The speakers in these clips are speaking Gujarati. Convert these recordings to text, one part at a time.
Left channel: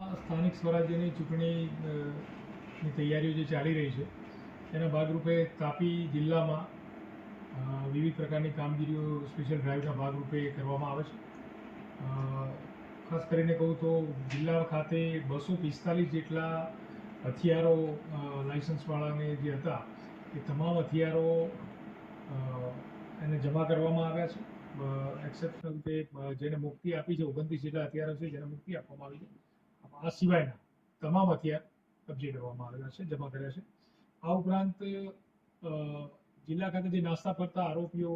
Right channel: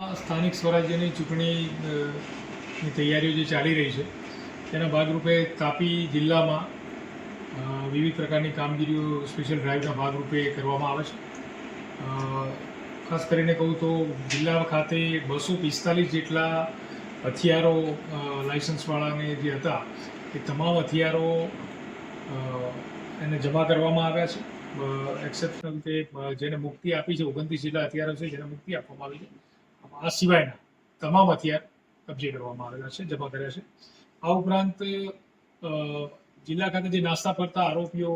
સ્થાનિક સ્વરાજ્યની ચૂંટણીની તૈયારીઓ જે ચાલી રહી છે તેના ભાગરૂપે તાપી જિલ્લામાં વિવિધ પ્રકારની કામગીરીઓ સ્પેશિયલ ડ્રાઈવના ભાગરૂપે કરવામાં આવે છે. ખાસ કરીને કહું તો જિલ્લા ખાતે 245 જેટલા હથિયારો લાઇસન્સવાળાને જે હતા એ તમામ હથિયારો એને જમા કરવામાં આવ્યા છે. એક્સેપ્શનલ રીતે જેને મુક્તિ આપી છે 29 જેટલા હથિયારો છે જેને મુક્તિ આપવામાં આવી છે. આ સિવાયના તમામ હથિયાર કબજે કરવામાં આવેલા છે, જમા કર્યા છે. આ ઉપરાંત જિલ્લા ખાતે જે નાસ્તા ફરતા આરોપીઓ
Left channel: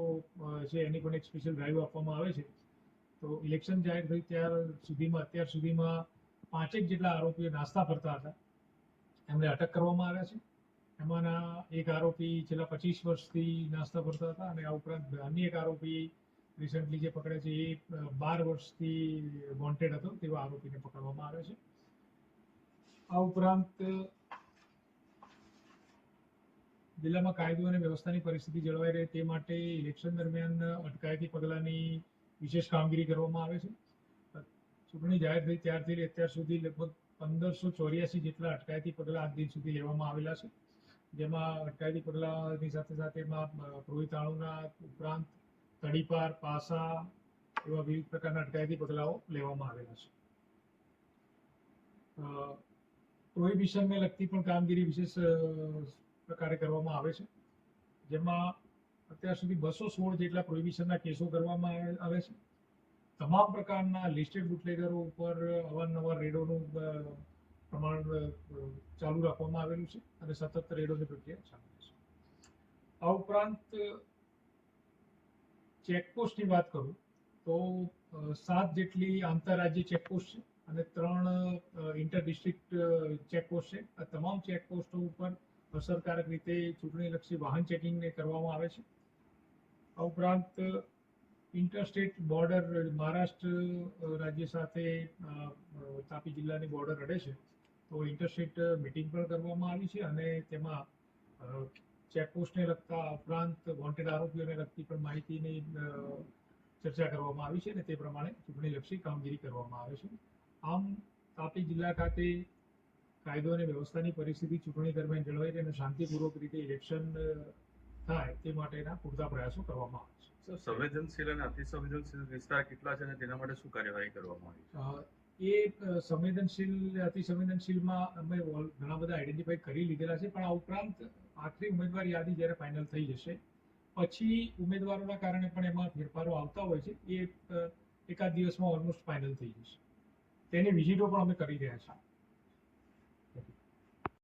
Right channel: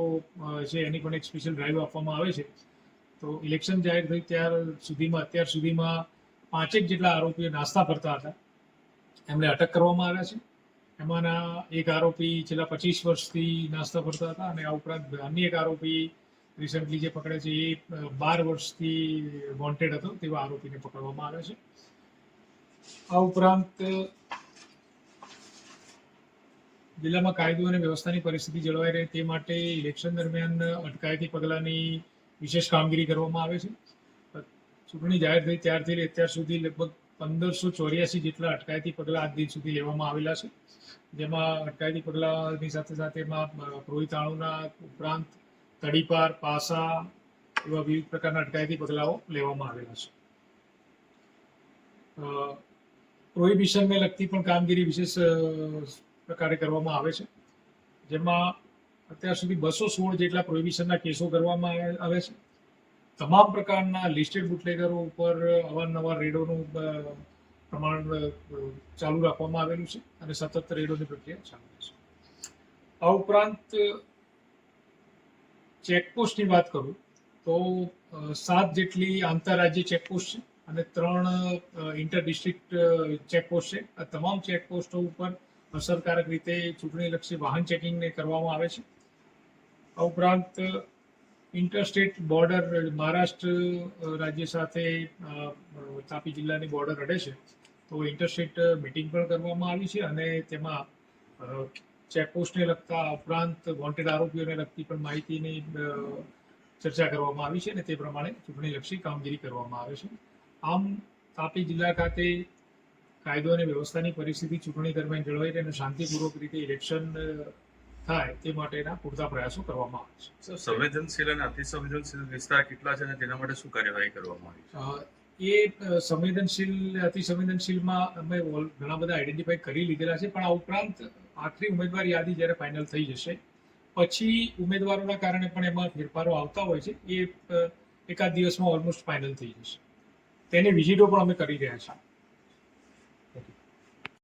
છે એની પણ એક સ્પેશિયલ ડ્રાઈવ આપવામાં આવે છે. તો ઇલેક્શન જાહેર થઈ અત્યાર સુધીમાં 5 જેટલા આરોપીઓ નાસ્તા ફરતા હતા એમને અટક કરવામાં આવ્યા છે. એમાંના એક આરોપી છેલ્લા 25 વર્ષથી નાસ્તા ફરતા હતા અને આ ઉપરાંત અન્ય એક આરોપી રિસન્ટલી જે પકડે છે એ 12 વર્ષથી વોન્ટેડ હતો તેવા આરોપીને પકડવામાં આવ્યા છે. આ ઉપરાંત જિલ્લામાં કાયદો અને વ્યવસ્થાની પરિસ્થિતિ જળવાઈ રહે તે માટે ઇલેક્શન દરમિયાન અટકાયતી પગલાંની વિશેષ કામગીરી કરવામાં આવે છે. ચૂંટણી જાહેર થઈ ત્યારથી અત્યાર સુધી લગભગ 1584 જેટલા અટકાયતી પગલાં આજ દિન સુધી લેવામાં આવેલા છે. જેમાં અટકાયતી પગલાંની સાથે સાથે એમાં પ્રોહિતાણુના ઉપરાંત તડીપાર, પાસા એવા વિવિધ પ્રકારના અટકાયતી પગલાઓ લેવામાં આવેલા છે. પ્રોહિબિશનને લગતી પણ કામગીરી વિશેષ પ્રકારે કરવામાં આવે છે. જેમાં અત્યાર સુધી 216 જેટલા પ્રોહિબિશનના કેસો કરવામાં આવે છે. તમામ પ્રકારના લિસ્ટેડ બુટલેગરો ઉપર અવારનવાર રેડોનું પ્રમાણ ચાલુ રાખવામાં આવેલું છે અને સતત રેડોની પ્રક્રિયા ચાલુ છે. આ ઉપરાંત ચેકપોસ્ટની વાત કરું તો 7 જેટલી આંતરરાજ્ય ચેકપોસ્ટ છે અને 3 ઇન્ટર ડિસ્ટ્રિક્ટ ચેકપોસ્ટ છે. આ તમામ ચેકપોસ્ટો ઉપર અસરકારક રીતે ચૂંટણીલક્ષી વાહન ચેકિંગને કરવામાં આવે છે. આ ઉપરાંત ઇન્ટરસ્ટેટ બોર્ડર મહારાષ્ટ્ર રાજ્ય સાથે તાપી જિલ્લાની બોર્ડર અડે છે તો ઇન્ટરસ્ટેટ મિટિંગ પણ કરવામાં આવી છે અને તેમાં ચેકપોસ્ટને લગતા ઉપરાંત વોન્ટેડ આરોપીઓને લગતી પણ માહિતીની ચર્ચા કરવામાં આવી છે અને તે પ્રમાણે ચૂંટણીલક્ષી કામગીરી કરવામાં આવે છે. આમ તાપી જિલ્લા ખાતે કાયદો અને વ્યવસ્થાની પરિસ્થિતિ ચૂંટણી દરમિયાન જળવાઈ રહે અને શાંતિપૂર્વક રીતે ઇલેક્શન થાય તે માટેના પૂરતા પ્રયાસો કરવામાં આવે છે. સંવેદનશીલ અને અતિસંવેદનશીલ વિસ્તાર કેટલા છે અને તેના માટે શું કાર્યવાહી કરવામાં આવી છે? એ સંવેદનશીલ અતિસંવેદનશીલમાં અમે ઘણા બધા આઈડેન્ટિફાઈ કરી લીધેલા છે, પણ આ ઉપરાંત આખરી ઉમેદવાર યાદી જ્યારે ફાઇનલ થઈ જશે પછી ઉમેદવારોના કારણે પણ એમાં ફેરફારો આવતા હોય છે. એ એકાદ દિવસમાં ઓલમોસ્ટ ફાઇનલ થઈ જશે. તેની વિઝિટો પણ અમે કરી રહ્યા છીએ.